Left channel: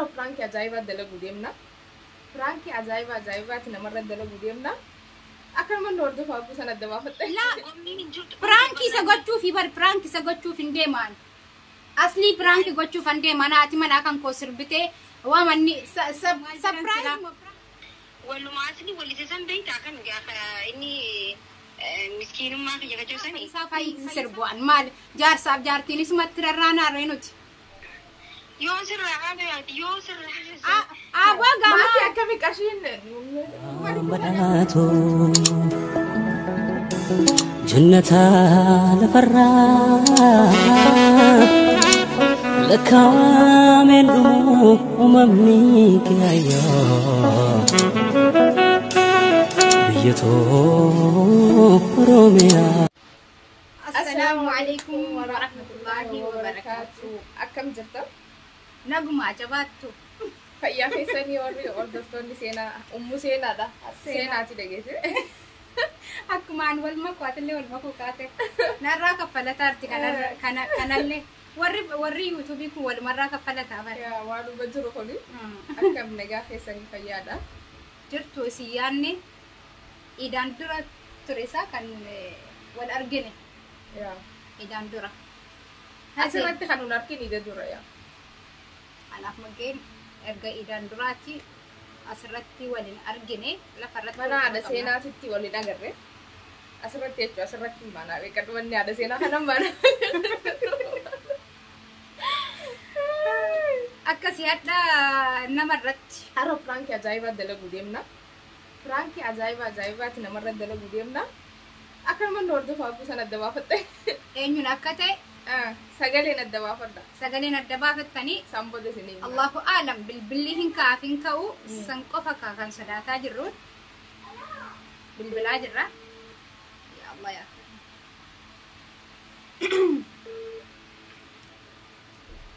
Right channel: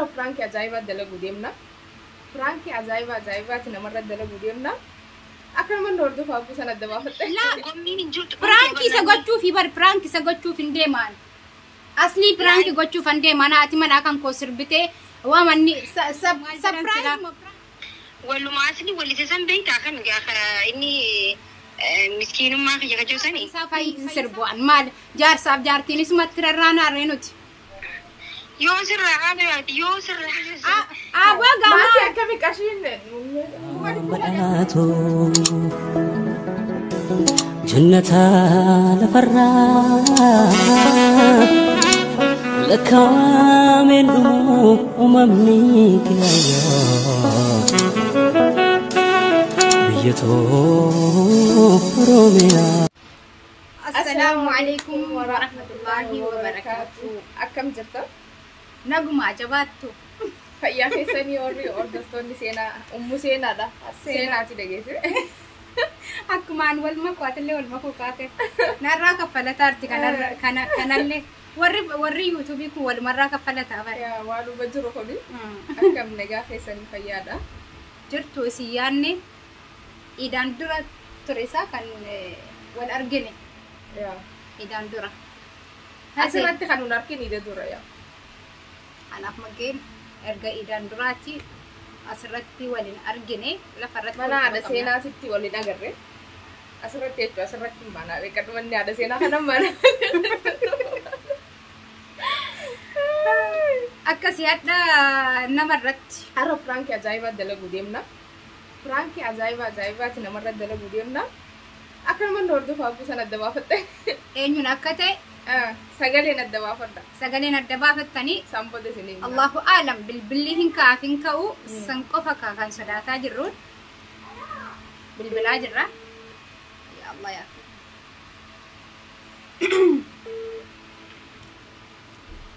هرو برانكي عجايبة دلقو ديمنا برانكي عجايبة كنا مرة دلقو ديمنا أكل من نوردو فاكو سنة دبافة لا برانكي سقطشو في بر برانكي سقطشو في نديمان أصلي برانكي قطشو في نديمان أتي من أكن كوسر بتي ومني سبرايز ولو ما أصلي واللي تسمى بيت أخن إني مسكين ما في جاكجو سني سافاي سربوان مال جار ساب جار تيني سمات كررانا رينوتي يوسر هذا يوسر أبغى ما في أكمل كاشين بدأتو جنتها لفرا لكامل أممنيك يا بيتو روميا. السلام عليكم ورحمة الله وبركاته. أكم جتا نجمع جباتو فيا في سنيوري أردفتوني سينا سينا ده سينا تيجي أكمان والمكوات اللي والمكوكات نرى كفلة تارتي كان اللي وري يوتيوبي كول مرة كفلة تابع يا والو بجرو خلي أكم نجا في سني فيا ده جرتو سياني إذا درا تريسا كان والأرجني يا إذا درا أسرت خانو ناركين إذا درا يا أنا مجين أرجع إذا دراتي أسرتي ولين أرجني لا فرت mana ada sena sitti wali nagarre asirratti mana rekat wanni ada sena kana mana akkasi hadda namarratti haro pranki ajaiba dalagu demna pranki ajaiba ti namarra dalagu demna akkan man dordu faagu sana dabafatte eenyun akka ta'e sagaleen addabaafadha sagaleen addabaafattanii sambode sinin Allahu aalam bilbilihin kaafin ka'u san qofa kan sodaataa jirruun bilbilaa jirra ya Allah ya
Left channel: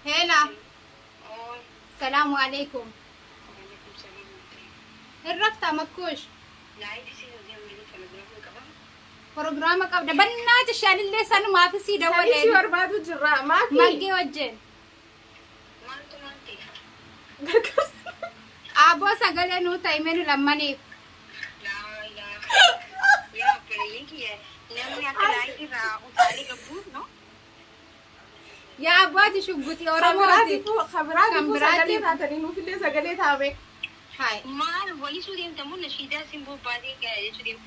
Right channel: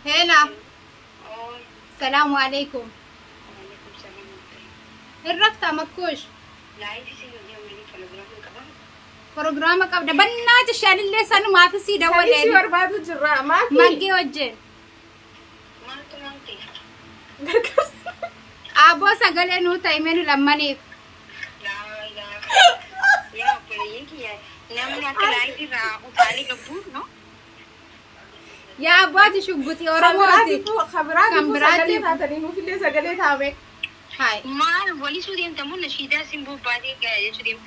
هلا السلام عليكم الرفتا مكوش برنامج قبل بنات الشال اللي سنو ما في سيدا ولا شي وربادو جرا ما ماجي وجه ابو سغلنو تايمنو لماني لا لا يا بليكي نمنا تلاقي را وتالي قبول نو يا ابواتي شغوتي اورموتي خبراتي فاتني مو في سغلي تابك هاي ما ولي سودين تمون نشيدا سيمبو بادي كاي سودين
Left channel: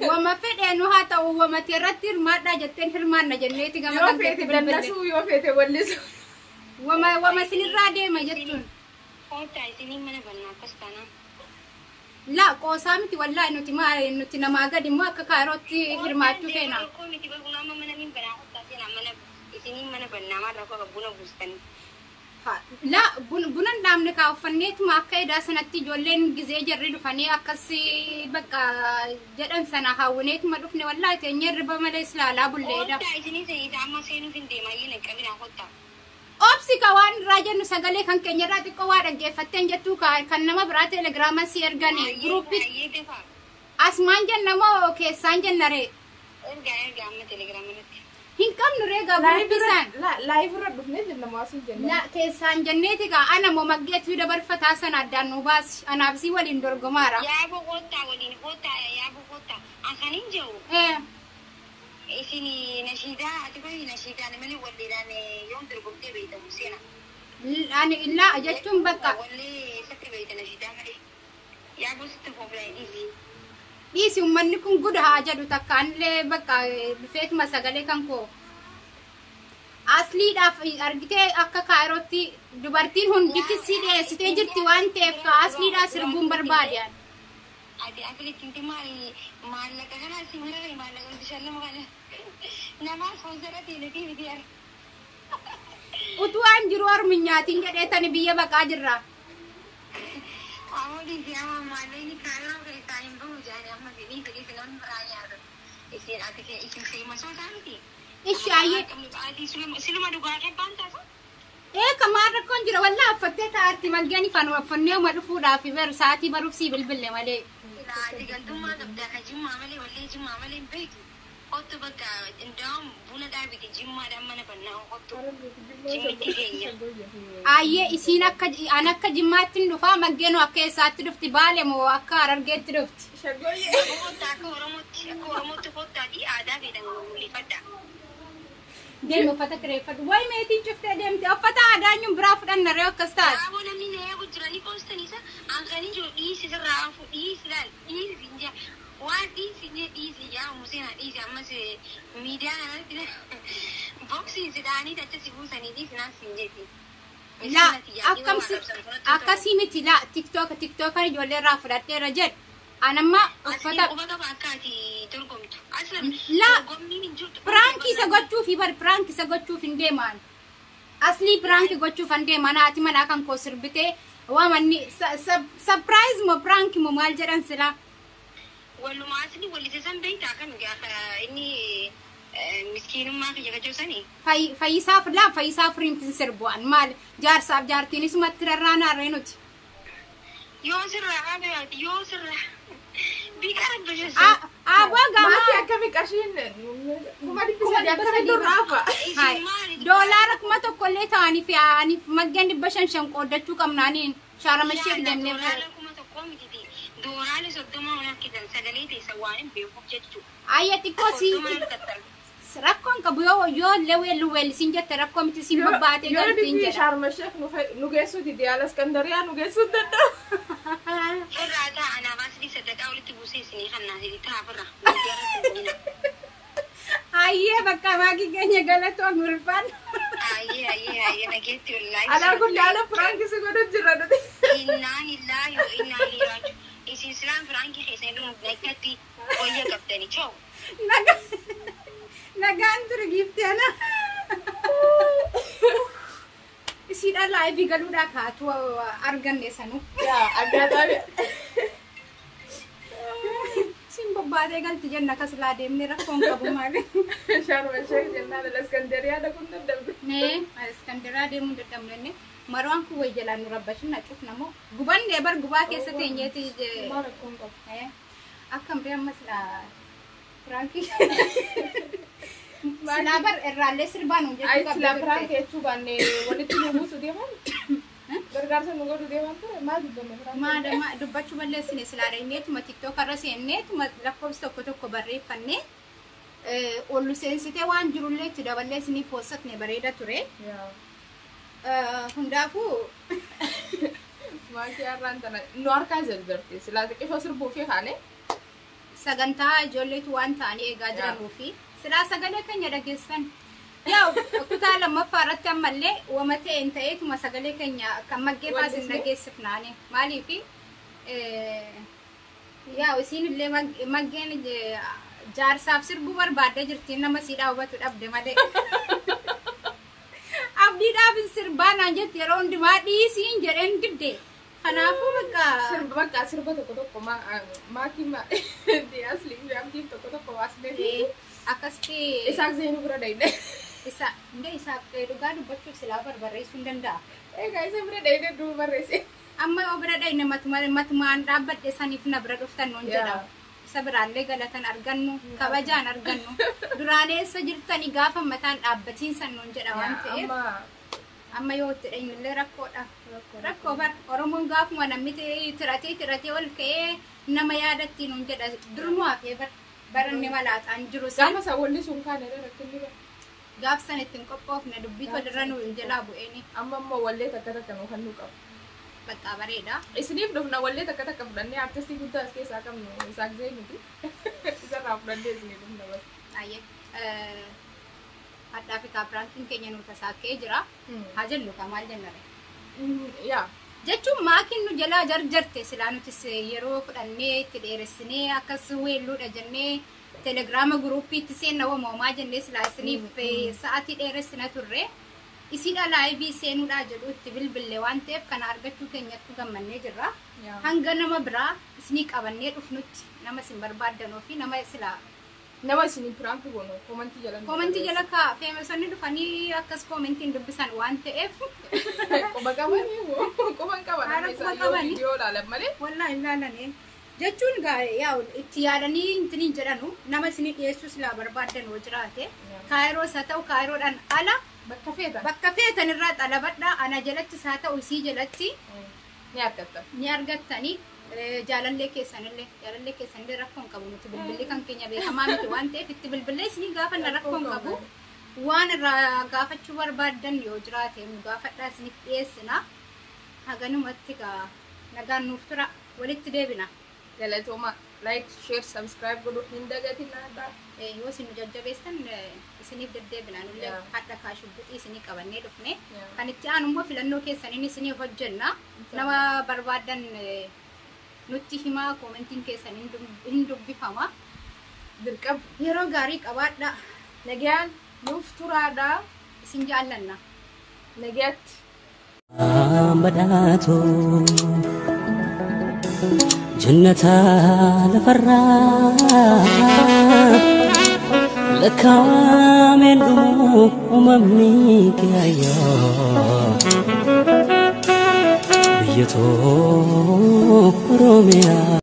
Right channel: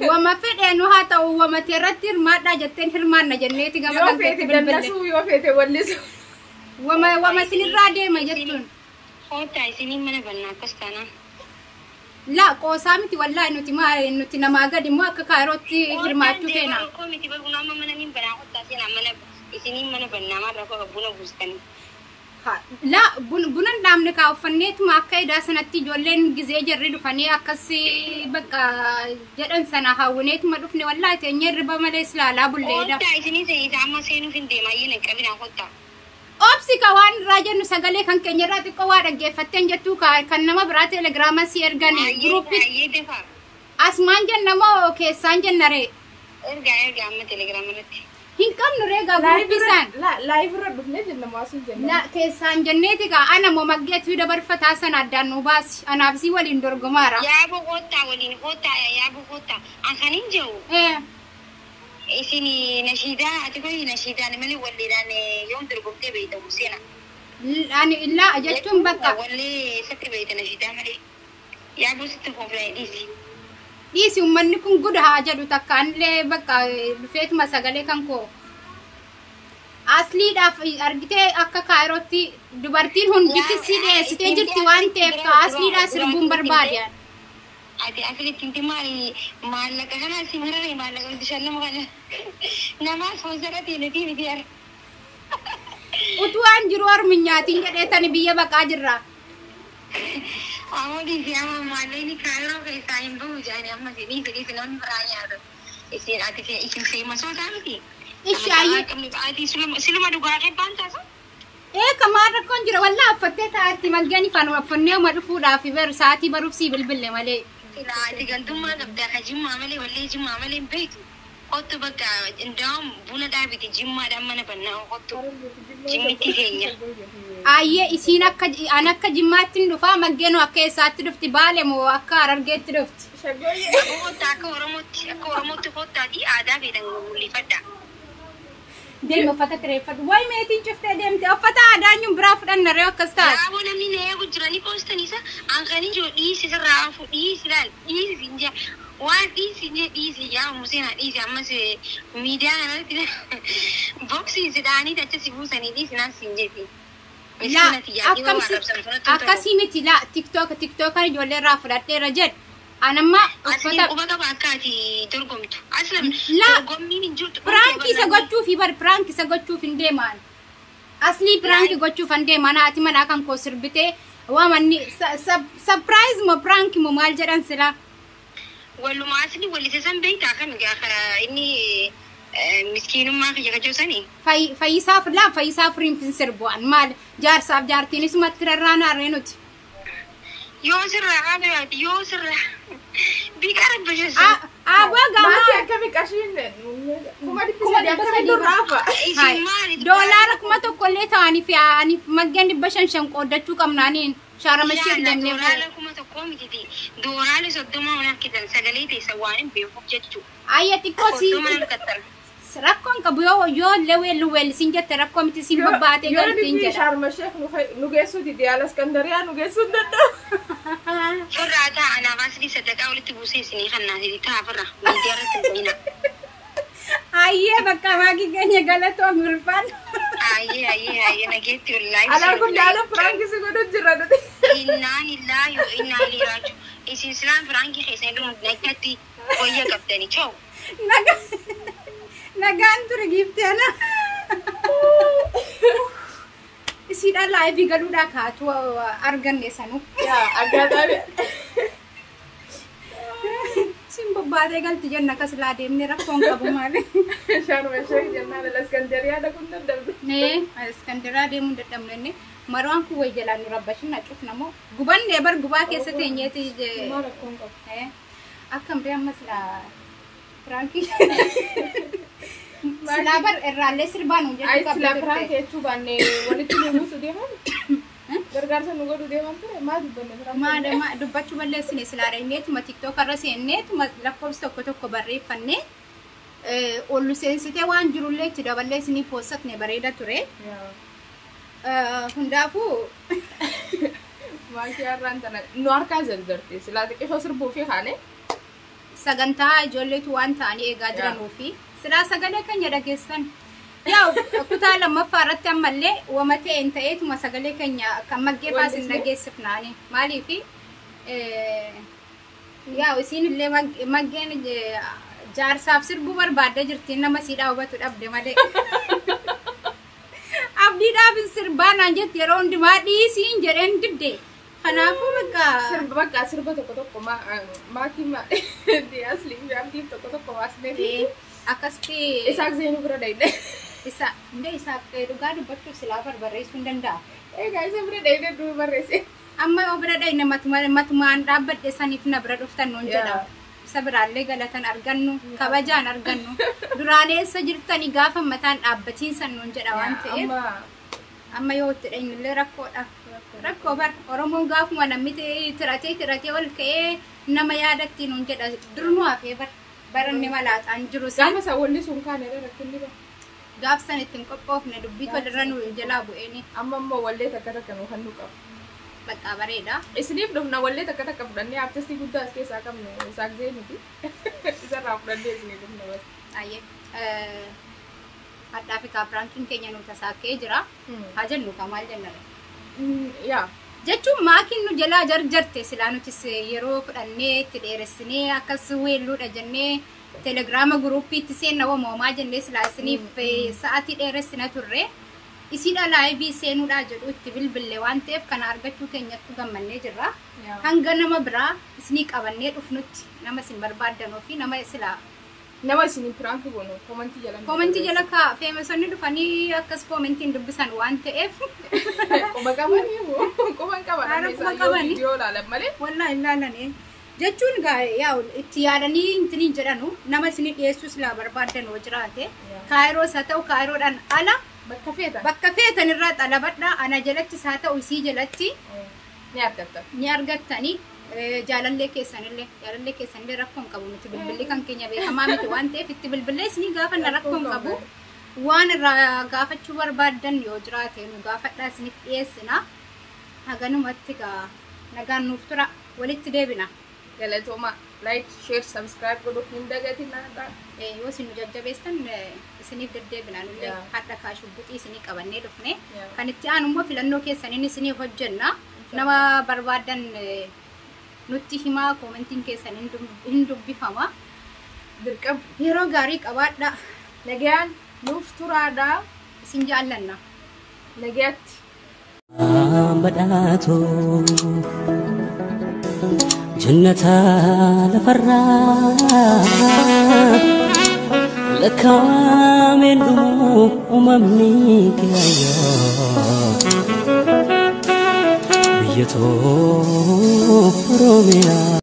وما فدانو هاتا وما ترتر ما دا جتن حرمان جنيتي غما يو فيتي دنسو يو فيتي ولسو وما سنرادي ما جتون خوتا سيني من بنا كستانا لا قوسامتي والله انتي نما غدي ما كاروتي حرماتو فينا كوميتي بغنا ما من بنا خوتا سينا من سيني من بنا ما ركو بنا بوستن لا بنن دامن كاو فنيت ما كايدا سنتي جولين غزي جري دفني اكسي بقى جدن سنا هاونيت ما دفني والله تنير بمليس لا لا بوليدا تايسني زي جاما سينو فين ما ينه كبنا خوتا اوبسي كوان راجن سغلي كان كنيرات كوا دغفتن جتو كان نما برا تليجرام سيرغني جروب اسمان جنما اوكي سانجن نري ارجع ما تليجرام لتي هنكم نريغا بيسان لا لايف رد بفني جنة ما سو جنة لا كيسان جنتي انا ممجت في دبر فتاسن ادانو باس انا بسي ولين درغمارا يا ابو غوتا ولين غوتا يا ابو غوتا اخنين جو اسيني نشيدا اتقولي نشيدا ملي وليدان يوم درغمتي بيت حسين انا لا جتم بقى ولي ستي بيت نشيدا ملي يا ابو ست فوبلايديسي ديسي ومنكم قد حاجة تكان لي بقى بفيت ما سجلي كانكو أصلي داف أرجتي أكا كايروتي دبرتين هون بيكسي ده ستيجر تيوان تيف كأصلي دا سربون برباديان أدي أكيد كنتي مالك أنا سمرة مالك أنت شلنا مغنى نما سوزرتي نتي بديار وتوان جروار منياتين كده تنبيه بقى جرا أولي في أمام ماليني كايرو في ساين بوجاني أما سيني كذي سلون برايا يصير أتى في إيش في مسؤول ثاني إيش أيه كم أدي سلم أدوغا كبانتا سو إيه كمان ركون جرا والله فتت أرتي ملجاني كانوا أفنيه مرفوضة في برساتي بروفسي بالبلة مالي لا أدي كنتم ما نبدأ هجيم عملي ولا هجيم عملي بيتو قط بقى عندهم بونا دابي تجمع دمنا بنا قط جمتي كينيا ayye isiin akka jimmaatti dhufaa maggeen akka eessaatti dhufti baale moo akka Harargeetti dhufti Shagoye. قط أكو رموت قط دي عادة في دنقولي فدا deema uffata kireeffatu way meetiin cuftee deemte uffata aadaa nyum biraa fudhanna ree akkas taate Raabo namni nee gujirani postanisa ankani jo dhiisi sirraa fu dhiisi laal dhiisi sinja waan dhiisi je dhiisi yaa musena dhiisi ammas miidiyaa kanatti boksiin sidhaanii tacha si buusanii dhiisi naan sinjeeti. akkasii miti laa tiktokan ijoollee irraa fudhadheera jedhu anamma uffata uffata bakkaati dorgomtu aslan laa dorgommiin hin jirtu piraanki isa gochuuf bar piraanki isa gochuuf hin deemaan asli piraanki gochuuf hin deemaan haati manaa kan koo sirbitee waamanni surprise mo piraanki mo maal jedhan sila walumaa asli walise san beektaa kan inni miskiinummaa kiyya kajoosanii fayyisaaf riimtin sirbu'an maal jaarsaaf jaartiinis matti rarraanaarree nuti yoo sirraa qabeewaati yoo sirraa biqaa rabbashasa abaa Mati gamaa akkami qashiin kuma dhibbisa akkami durraafa. doolaara kuma tokkollee ta'aniif yaa'aniif maggeen 500 qooddachuu qabnaaniin shaaramashee deemnee Doolaara kuma tokkoo mititi doolaara 30 waan akkitan sagalee teessa waan hin beekuuf jechuu ayya xiqqoo rakkoon qabu yoo leweelluweel siin jette rakkoo miti siin babbaatee Yoo galtiin dhibbi jedha Sharma Sheekh nu geessuu dide Alaskandariyaa nu geessuu danda'a. firraa ta'anaaf asli sadaqaa walitti buusee isinii kannaasiti taafirra miidiyaa irratti himina. ayyee bakka maagii keenya galatoo mirfaan Ayyee nageetti wallaahi. Alaa guddaadha firaanki si godhu jira nuti. Innaan illaa yoo innaan liiraaju isin silaan firaanki keessanii dhumu nagatti wayya qabdanii choo. nagaan ture giifteena isiidhaan laayivii galuudhaa kaatu arganne sanu Yaa aggaadhaan. siin babbaatee galti jenna kas laa deemne rakkoon qabu maali Sharma Sheekh jennaan Alaskandariyaa dhaquun dadhabdu. nee Iskandaraa deemuu dadhabnenne marwaan kun way jalaan nu rabbashin na cufnamoo gubanne bar gubaa keessa teenyeeti Maal rakkoon qabu. akkam bee ammas laa firaanki silaa bar irraallee sirbaan Ay hojjechuu sila qabdu firaanki jechuu baanne walitti nu buusu deeman. Gargaarsa nu godhu deeman ture maa dubbanne firaanki. maadama dubbachuu balleessine silaadha inneetuma tiktookarra seenneetuma lakkoofsa tokko barreeffannee ollu seensitee waan jirullee itti daballee isinii poosatne bareeda ture Yaa. hundaafuu Maashii har'aan tana nu harkaa jalbarte silaa xiqqishoo sirbuu fi haane. sagantaa ijoolleetu waan ta'anii eegaa jiranuu fi silaa sagalee keenya dhageessan yaa kutaa lammaffaa irratti ammallee wama ta'een ta'eetuma sagalee keenya kan maggee baasin dhageessifnaani maaliifi yaa isiin illee maggeen jaarsaaf sirbuu barbaadda jirtiin nama siidhaa hubatu dhabde malee abdiidhaaf sirbaanaan jetti yeroo hundumaa dhiisiin jedheen didde kanaafuu Bakka sirba tokko maakii asliin jaamtiif tokko waasnee fi akkasti isaaf zeenuu bira dhayne. isaa dhugaa dubbachuuf silaa barbareessuu hin danda'a. Egaa isa bira dhayne duu barreesse. Amma yoo bira dhayne matumaan dhaabbadhe saniif na bira dhuftan nuun jedha. Isa biraallee galatan argannu kabajaan argannu duraan eessa jirtanii gaafa mataan dhaabbatiinsan nuun jedha waan ta'eef amma yoo itti dheenyullee rakkoodha. Rakkoo bar Oromoon gaafuma namni tiratee ol ka'ee nama yaadatti nuun jedha durnu hafee baranne malaaxaan jiru Gaafa sawwalli sun kaane irra rakkinni bira. gaafsan ittiin qophoofne dubbii walirra nu jalaa bu'eeni Amma immoo wallee takka nu kan nu qabu. bakka bareeda. Isiniif dhufna wallee takka fudhannee artistii guddaa as keessaa qabnu isaaf zeenuti. Isarraa fudhannee isinii dhufna bas. Ayyee hadhaa fi kaapiraankiin keenya nu tasaakkee jira. Haa jennu ka maal jennare. Yaa. Jechuun maakiin nu jalaa jarjarte silaa nutis yeroo fudhannee itti dheeressinee akkas weelluudha jennee telegiraama guruuppiitti seenna wamoomaa jennee silaa isiniif sa'aatii dheeressina turre. Isiidha laayivii seenuudhaa jedhu itti bilbillee waan ta'eef kana argachuu keenyatti gammannee jirra. Hanga nama biraa isinii qabannee dhufnutti nama isin barbaaddanuu fi nama silaa Nama isinii piraanki goonu koomentii jala. Koomentii jala kaa feemesonni dhufanii akkas koomentiin dubbisan waan ta'eef. Quba qabanii moo? Quba qabanii. Quba qabanii. Yoo ilaalan malee. Wallaahi ilaalanii. jechuun yaa itti yaadanii intiniin jedhanu nama isin dhiyeessuus laa barbaadan hoo jiraate kaayiroos haa ta'u kaayiroodhaan ala bakka feetan irraa xalabadha ana jalatti haa ta'u isii jalatti ni argattanii jaalallee keessanillee rakkoon qabu nuti bilbilli kan keenya beekamaa miti waan ta'eef itti bilbilee isinii gaafanna rakkoon qabu waan irraa gaafachuu barbaadan yoo jiraate nu gaafadhaa isiniif dhiyeessina haganumatti nagaan nuuf tura walitti deebina. Galatooma like share subscribe godhuu hin dagatinaa yoo isin jajjabeessan isiniif deddeebina nullee hadda kaashubbuxii isinii qabannee dhufne kan itti aanu immoo filannoo keessaniin isiniif hojjenna nama barbaadan nutti himaa koomentiin keessan hin dubbifama dirqama yeroo gaarii qabaadha nagaan nuuf turaadha isin jaallanna nagaatti badhaatu jannata lafarraa lakkaawameen dhumu uumamni kiyaayyoo biyya too Oromiyaa.